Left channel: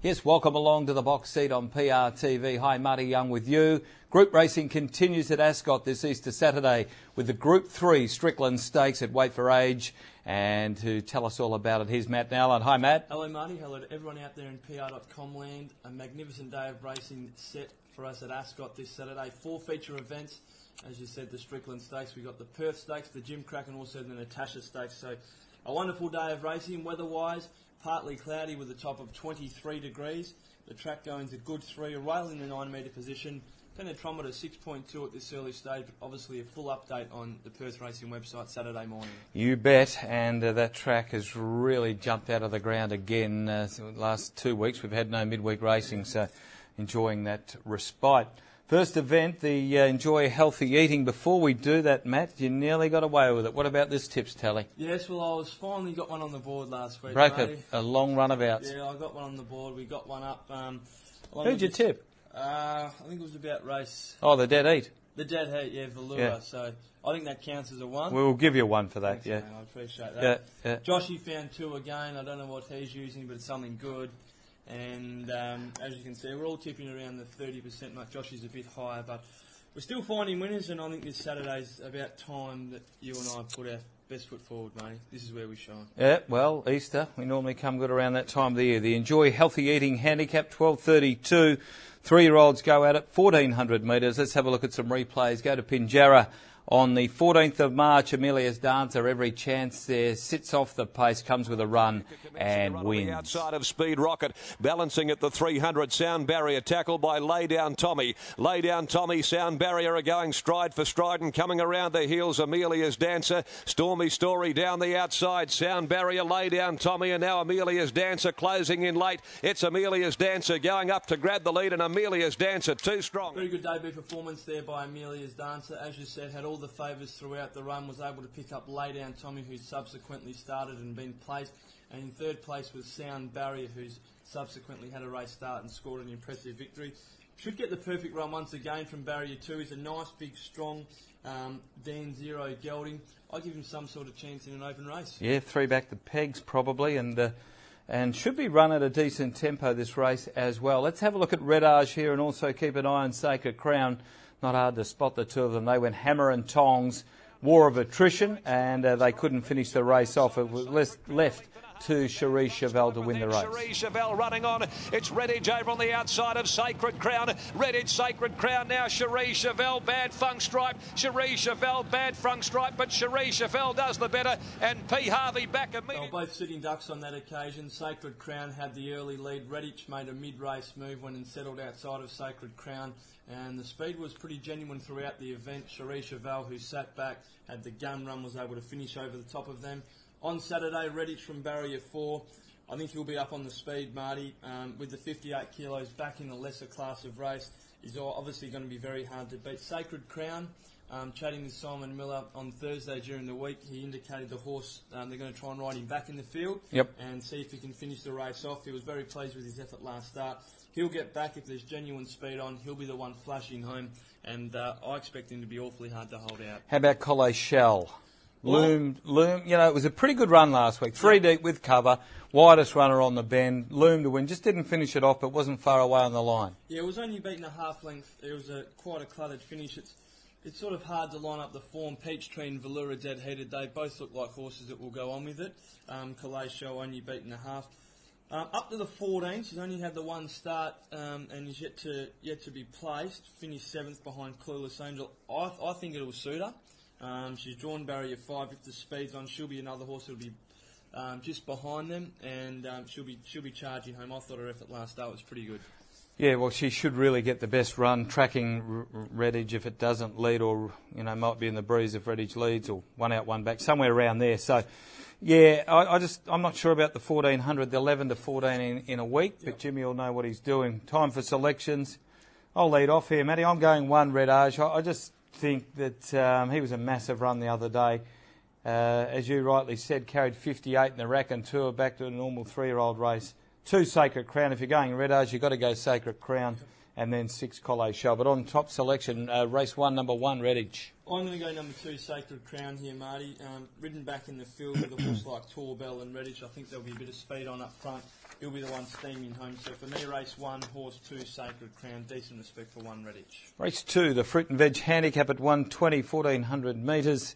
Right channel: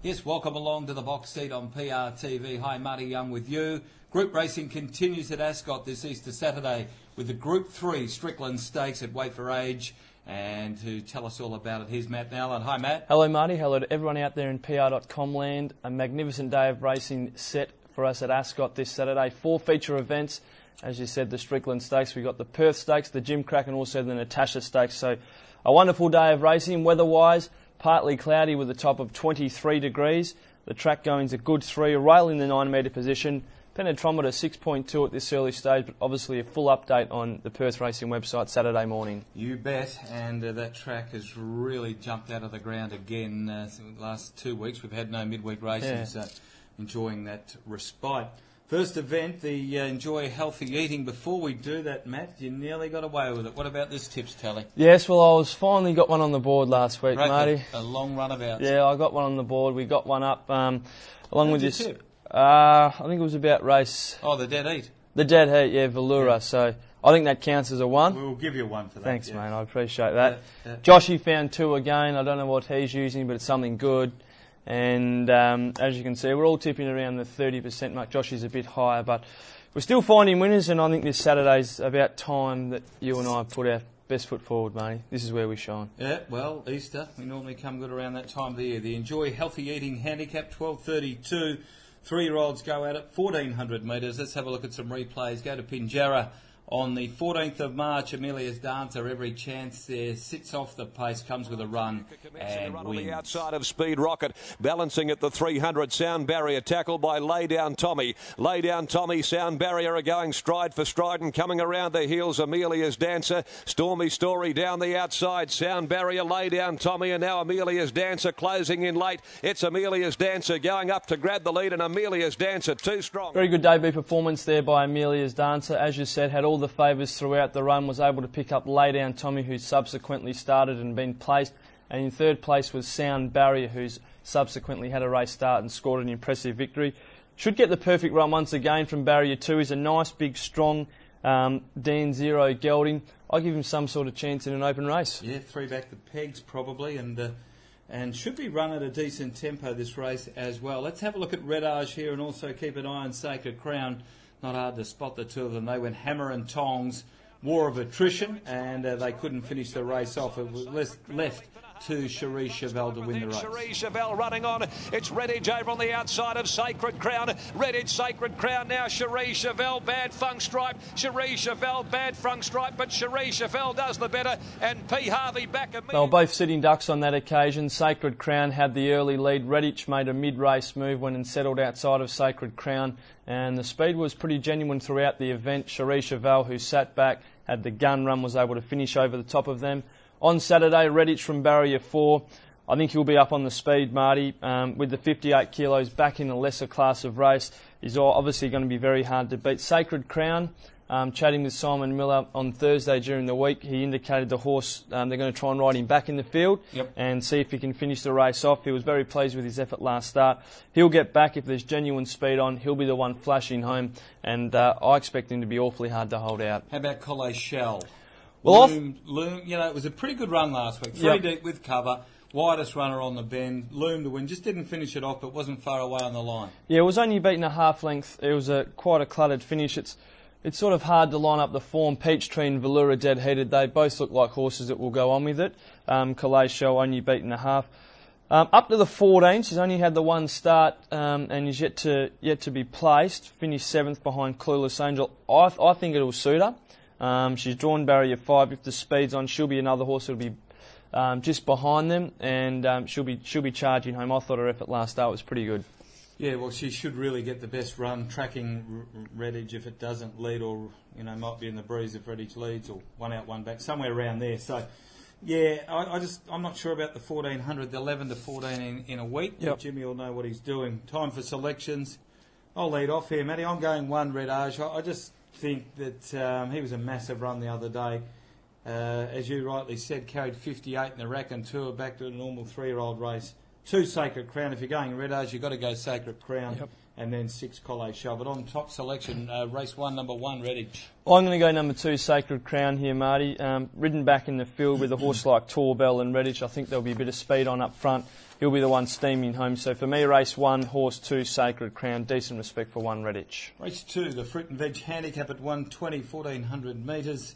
Yes, welcome along to the box seat on PRTV. Hi, Marty Young with you. Group racing continues at Ascot this Easter Saturday with the Group 3 Strickland Stakes at Weight for Age. And to tell us all about it, here's Matt Nowlan. Hi, Matt. Hello, Marty. Hello to everyone out there in PR.com land. A magnificent day of racing set for us at Ascot this Saturday. 4 feature events. As you said, the Strickland Stakes. We've got the Perth Stakes, the Jim Crack, and also the Natasha Stakes. So a wonderful day of racing. Weather-wise, partly cloudy with a top of 23 degrees. The track going's a good 3, a rail in the 9 metre position. Penetrometer 6.2 at this early stage, but obviously a full update on the Perth Racing website Saturday morning. You bet, and that track has really jumped out of the ground again. The last 2 weeks we've had no midweek racing, so enjoying that respite. First event, the Enjoy Healthy Eating. Before we do that, Matt, you nearly got away with it. What about this tips tally? Yes, well, I was finally got one on the board last week, Marty. A long run of outs. Yeah, I got one on the board. We got one up along with this. Tip? I think it was about race. Oh, the Dead Heat. The Dead Heat, yeah, Velura. Yeah. So I think that counts as a 1. We'll give you a 1 for that. Thanks, mate. I appreciate that. Joshy found 2 again. I don't know what he's using, but it's something good. And as you can see, we're all tipping around the 30% mark. Joshy's a bit higher, but we're still finding winners. And I think this Saturday's about time that you and I put our best foot forward, Marty. This is where we shine. Yeah, well, Easter, we normally come good around that time of the year. The Enjoy Healthy Eating Handicap, 12.32. 3-year-olds go at it, 1,400 metres. Let's have a look at some replays. Go to Pinjarra on the 14th of March. Amelia's Dancer, every chance there, sits off the pace, comes with a run and wins. On the outside of Speed Rocket, balancing at the 300. Sound Barrier tackled by Lay Down Tommy. Lay Down Tommy, Sound Barrier are going stride for stride and coming around the heels. Amelia's Dancer, Stormy Story down the outside. Sound Barrier, Lay Down Tommy, and now Amelia's Dancer closing in late. It's Amelia's Dancer going up to grab the lead, and Amelia's Dancer too strong. Very good debut performance there by Amelia's Dancer. As you said, had all the favours throughout the run, was able to pick up Lay Down Tommy, who subsequently started and been placed, and in third place was Sound Barrier, who's subsequently had a race start and scored an impressive victory. Should get the perfect run once again from Barrier 2. He's a nice, big, strong Dan Zero gelding. I give him some sort of chance in an open race. Yeah, 3 back the pegs probably, and should be run at a decent tempo this race as well. Let's have a look at Red Arge here and also keep an eye on Sacred Crown. Not hard to spot the two of them. They went hammer and tongs, war of attrition, and they couldn't finish the race off. It was left to Cherie Chevelle to win the race. Cherie Chevelle running on. It's Redditch over on the outside of Sacred Crown. Redditch, Sacred Crown now. Cherie Chevelle, Bad Funk Stripe. Cherie Chevelle, Bad Funk Stripe, but Cherie Chevelle does the better. And P. Harvey back immediately. They were both sitting ducks on that occasion. Sacred Crown had the early lead. Redditch made a mid-race move when and settled outside of Sacred Crown. And the speed was pretty genuine throughout the event. Cherie Chevelle, who sat back, had the gun run, was able to finish over the top of them. On Saturday, Redditch from Barrier 4. I think he'll be up on the speed, Marty. With the 58 kilos back in a lesser class of race, he's obviously going to be very hard to beat. Sacred Crown, chatting with Simon Miller on Thursday during the week, he indicated the horse, they're going to try and ride him back in the field and see if he can finish the race off. He was very pleased with his effort last start. He'll get back if there's genuine speed on. He'll be the one flashing home, and I expect him to be awfully hard to hold out. How about Collet Shell? Loom, you know, it was a pretty good run last week. 3 deep with cover, widest runner on the bend, Loom to win. Just didn't finish it off, but wasn't far away on the line. Yeah, it was only beaten a half length. It was quite a cluttered finish. It's sort of hard to line up the form. Peachtree and Velura dead heated. They both look like horses that will go on with it. Collet Shell only beaten a half. Up to the 14, she's only had the 1 start and is yet to be placed. Finished 7th behind Clueless Angel. I think it'll suit her. She's drawn Barrier 5. If the speed's on, she'll be another horse that'll be just behind them, and she'll be charging home. I thought her effort last start was pretty good. Yeah, well, she should really get the best run, tracking Redditch if it doesn't lead, or might be in the breeze if Redditch leads, or 1 out, 1 back, somewhere around there. So, yeah, I'm not sure about the 1400, the 11 to 14 in a week. But Jimmy will know what he's doing. Time for selections. I'll lead off here, Matty. I'm going 1 Red Arge. I just think that he was a massive run the other day. As you rightly said, carried 58 in the rack and tour back to a normal 3-year-old race. 2 Sacred Crown. If you're going Red Arge, you've got to go Sacred Crown. and then 6 Collet Show. But on top selection, race 1, number 1, Redditch. I'm going to go number 2, Sacred Crown here, Marty. Ridden back in the field with a horse like Torbell and Redditch. I think there'll be a bit of speed on up front. He'll be the one steaming home. So for me, race 1, horse 2, Sacred Crown. Decent respect for 1, Redditch. Race 2, the Fruit and Veg Handicap at 120, 1400 metres.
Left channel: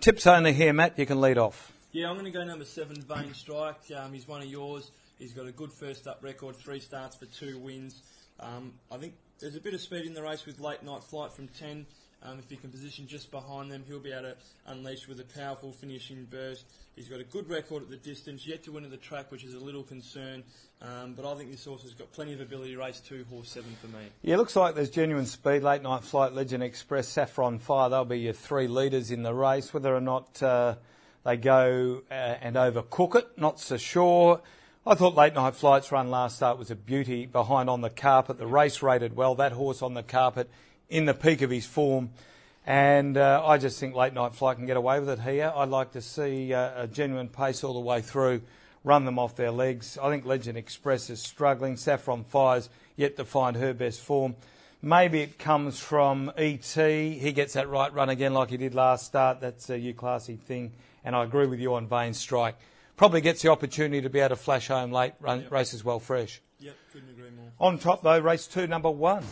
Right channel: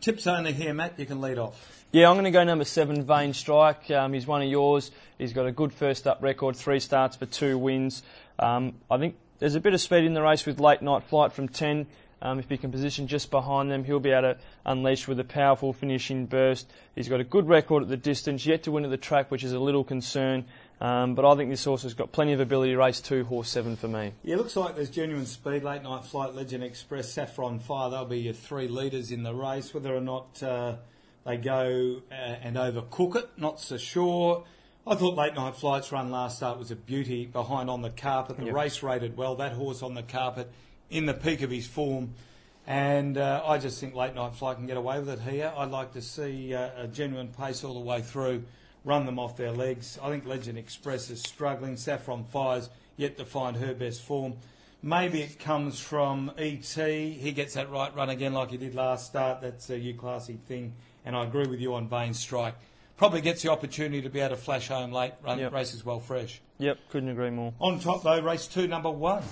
Tips only here, Matt. You can lead off. Yeah, I'm going to go number 7, Vain Strike. He's one of yours. He's got a good first up record, 3 starts for 2 wins. I think there's a bit of speed in the race with Late Night Flight from 10. If he can position just behind them, he'll be able to unleash with a powerful finishing burst. He's got a good record at the distance, yet to win at the track, which is a little concern. But I think this horse has got plenty of ability. Race 2, horse 7 for me. Yeah, looks like there's genuine speed. Late Night Flight, Legend Express, Saffron Fire, they'll be your 3 leaders in the race. Whether or not they go and overcook it, not so sure. I thought Late Night Flight's run last start was a beauty behind On the Carpet. The race rated well. That horse On the Carpet in the peak of his form. And I just think Late Night Flight can get away with it here. I'd like to see a genuine pace all the way through, run them off their legs. I think Legend Express is struggling. Saffron Fire's yet to find her best form. Maybe it comes from E.T. He gets that right run again like he did last start. That's a classy thing. And I agree with you on Vain Strike. Probably gets the opportunity to be able to flash home late, races well fresh. Yep, couldn't agree more. On top though, race 2, number 1.